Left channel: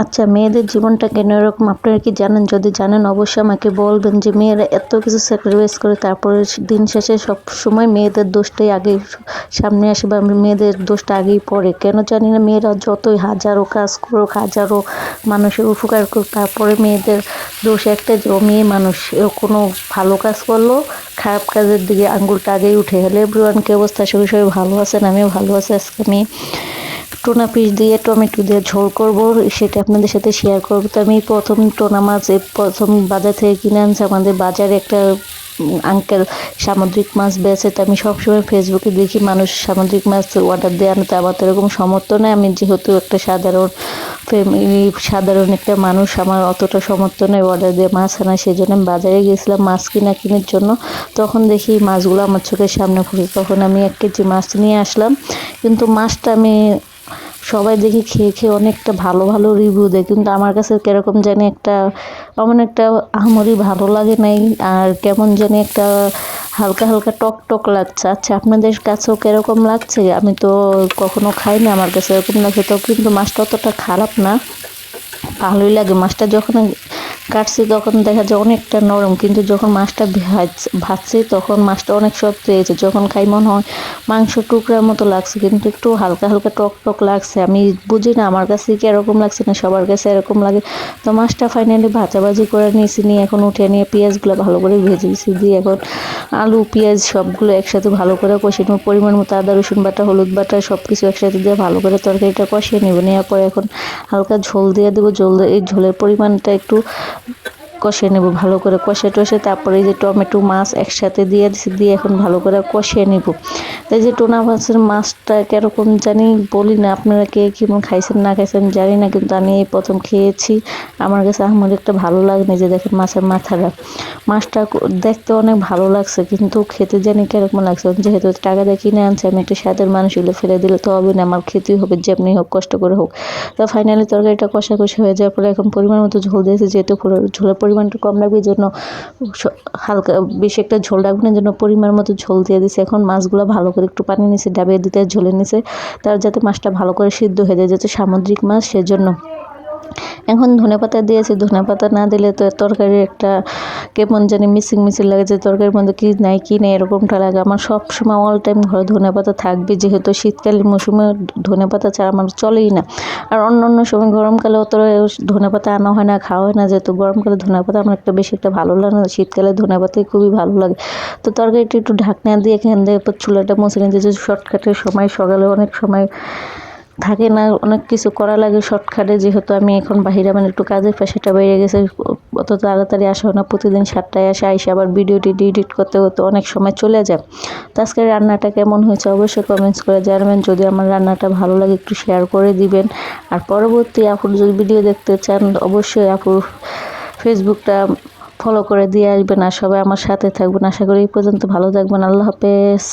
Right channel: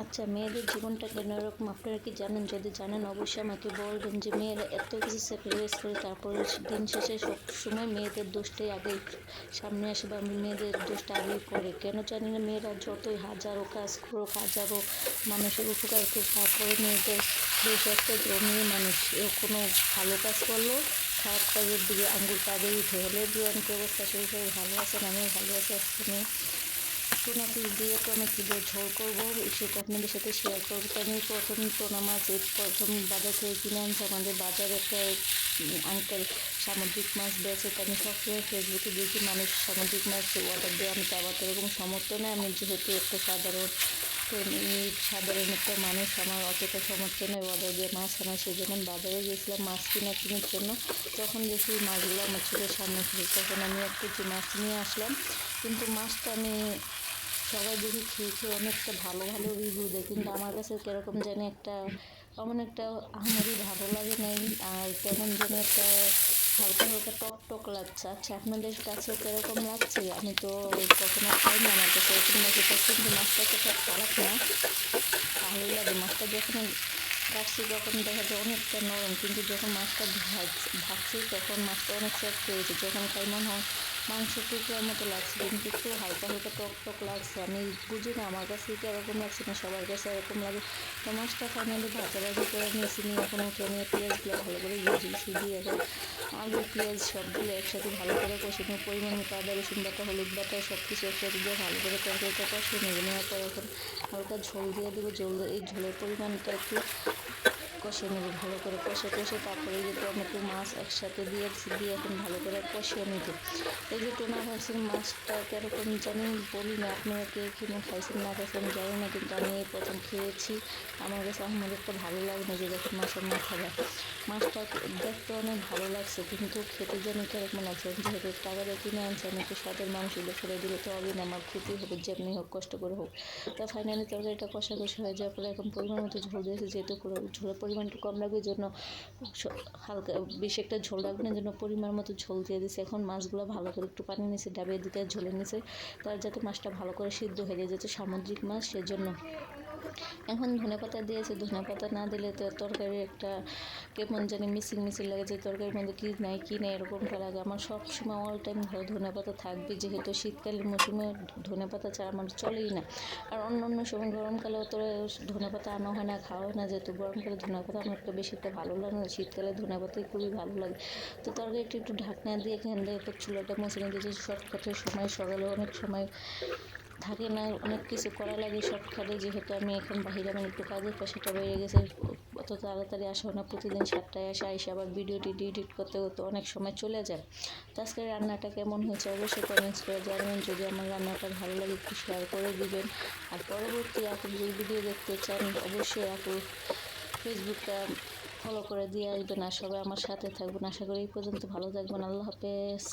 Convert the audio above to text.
আচ্ছা, মেয়েদের জীবনটা কেন এরকম আপনারা কি জানেন? যদি জানেন অবশ্যই আমাকে বলবেন যে মেয়েরা এত কিছু স্যাক্রিফাইস করে তারপরে দিন শেষে সবসময় মেয়েদের দোষটাই আগেই সামনে আসে বা মেয়েদের দোষটা আগেই পড়ে। কেন জানি না, মেয়েরা যতই হাজারো কাজ করুক, হাজারো মানুষের উপকার করুক, তারপরে মেয়েদের দোষ একটাই যে ও মেয়ে মানুষ। ও কোনো ভালো কাজ করলেও খারাপ কাজের দিকে আঙ্গুলটা আগেই উঠে। হ্যালো এভরিওয়ান, কি অবস্থা? সবাই সবাই ভালো আছেন? আমিও ভালো আছি। আজকে আমি টোনা পিস দিয়ে টমেটো দিয়ে ঝোল করব, সেটা আপনাদের সাথে শেয়ার করব। তো আমি প্রথম টোনা মাছ প্রথম বাজার থেকে কিনে আনছি। আমাদের বাজারে একটা আঙ্কেল সামুদ্রিক মাছ বেচে। তো আমি সবসময় ফেসবুকে দেখি মানুষ সামুদ্রিক মাছ অর্ডার দিয়ে আনতে। আমার তো এরকম সামর্থ্য নেই, আমি যেহেতু একটা সাধারণ একটা মানুষ, আমার অতটা সামর্থ্য নেই অর্ডার দিয়ে মাছ আনা। সেই জন্য আমি বাজারে গিয়েছিলাম মাছ কেনার জন্য। তখন দেখি মাছগুলো আমার চোখের সামনে পড়ে। তখন আমি 1 কেজি মাছ নিয়ে আসলাম। কিন্তু মাছটা আমি সবাই দেখি খেয়ে অনেকটা ভালো ভালো রিভিউ দেয়, কিন্তু আমার কাছে কিরকম জানি একটা একটা আহামরি ভালো লাগে নাই। আর কেমন জানি একটা হালকা হালকা টক টক লাগছে। আচ্ছা, আপনাদের কাছেও কিরকম লাগছে? আমি তো কখনো খাইনি, আমার কাছে এরকম লাগছে। তো কিন্তু মাছটা অতটা খারাপ না, ভালোই লাগে। মাছটা যখন কাটছি তখন দেখা যায় অনেকটা নরম, কিন্তু যখন মাছটা ভাজছি তখন মাছটা অনেক শক্ত হয়েছে। যখন খাই মনে হয় মাংস টুকরার মতো লাগছে, কিন্তু একটু হালকা হালকা টক টক লাগছে। আমি বুঝি না আমার কাছে কি এরকম লাগছে না সবার কাছে এরকম লাগে। তো মাছটা ফাইনালি ভাজাভাজি করে নিয়েছি, নিয়ে এখন উঠে নিয়ে পেঁয়াজগুলো ভালো করে ভেজেছি, দিয়ে এখন আলু পেঁয়াজ সবগুলো একসাথে ভালো করে কষিয়ে নেব। পরিমাণ মতো আদা রসুন বাটা, হলুদ বাটা সব কিছু একসাথে দিয়ে ভালো করে তরকারিটা কষিয়ে নেব। নেওয়ার পরে এখন হালকা ঝোল দিয়ে দেবো। এই ঝোলের পরিমাণটা একটু কষিয়ে নেব ভালো করে, কষে তারপরে এই যে টমেটো মাছ একসাথে দিয়ে দিচ্ছি, দিয়ে এখন ভালো করে কষিয়ে নেব। এই যে টোনা মাছের মাছটা কীরকম জানি বলি না, আপনারা কে কেমন খাইছেন না খাইছেন জানি না, কিন্তু আমি এই প্রথম খেয়েছি। আমার কাছে আমার একটা ভালো লাগে না। যে দেখেন মাছের মাছটা দেখতে অনেক ভালো লাগছে, কিন্তু খেতে জানি কীরকম লাগছে। যেহেতু টাকা দিয়ে কিনে আনছে, আমি একটা স্বাদের মানুষ, হলে ফেলে দিলে তো হবে না, আমার খেতেই হবে যেমনি হোক কষ্ট করে হোক। তো ফাইনালি তরকারিটা কষাকষি হয়ে যাওয়ার পরে এখন পরিমাণ মতো ঝোল দিয়েছি। যেহেতু ঝোলের পরিমাণটা কম লাগবে, এই জন্য হালকা বেশি একটা ঝোল রাখবেন, এই জন্য পরিমাণ মতো ঝোল দিয়ে দিয়েছি। এখন মাছগুলো ভালো করে একটু পানি নিচে ডাবিয়ে দিতে ঝোলের নিচে, তার যাতে মাছটা ভালো করে সিদ্ধ হয়ে যায়, যেহেতু সামুদ্রিক মাছ সেজন্য। এখন ধনেপাতা দিয়েছি, ধনেপাতা না দিলে তো তরকারি একটা কেমন জানি মিসিং লাগে, যে তরকারির মধ্যে কি নাই এরকমটা লাগে। আমার সব সময় অল টাইম ঘরে ধনেপাতা থাকবে, যেহেতু শীতকালীন মৌসুমে ধনেপাতা ছাড়া আমার চলেই না। আর অন্য সময় গরমকালে অত ধনেপাতা আনা হয় না, খাওয়া হয় না, যেহেতু গরমকালে ধনেপাতা আমার বেশি একটা ভালো লাগে না, শীতকালে ধনেপাতাই খুবই ভালো লাগে। তো তরকারিটা একটু ঢাকনা দিয়ে এখান থেকে চুলাটা মুছে নিতে, যে শর্টকাটের সময় সকালে অনেক সময় থাকে না, অনেক কিছু করা লাগে শর্টকাটে। যেহেতু আমি এখন বাহিরে একটু কাজের প্রেশারটা বেড়ে গেছে, অত তাড়াতাড়ি আসা হয় না। প্রতিদিন 7টায় আইসা আবার ভিডিওটি এডিট করতে অনেক সময় চলে যায়। তো আজকে রান্নাটা কেমন হয়েছে অবশ্যই কমেন্টস করে জানাবেন। যদি আমার রান্নাটা ভালো লাগে একটু শেয়ার করে দিবেন। আর পরবর্তী আপুর যদি ভিডিও দেখতে চান অবশ্যই আপুর ফেসবুকটা ফলো করে দিয়ে আসবেন। আর সবাই আমার সাথে থাকবেন। আশা করি এই পর্যন্ত ভালো থাকবেন। আল্লাহ হাফেজ।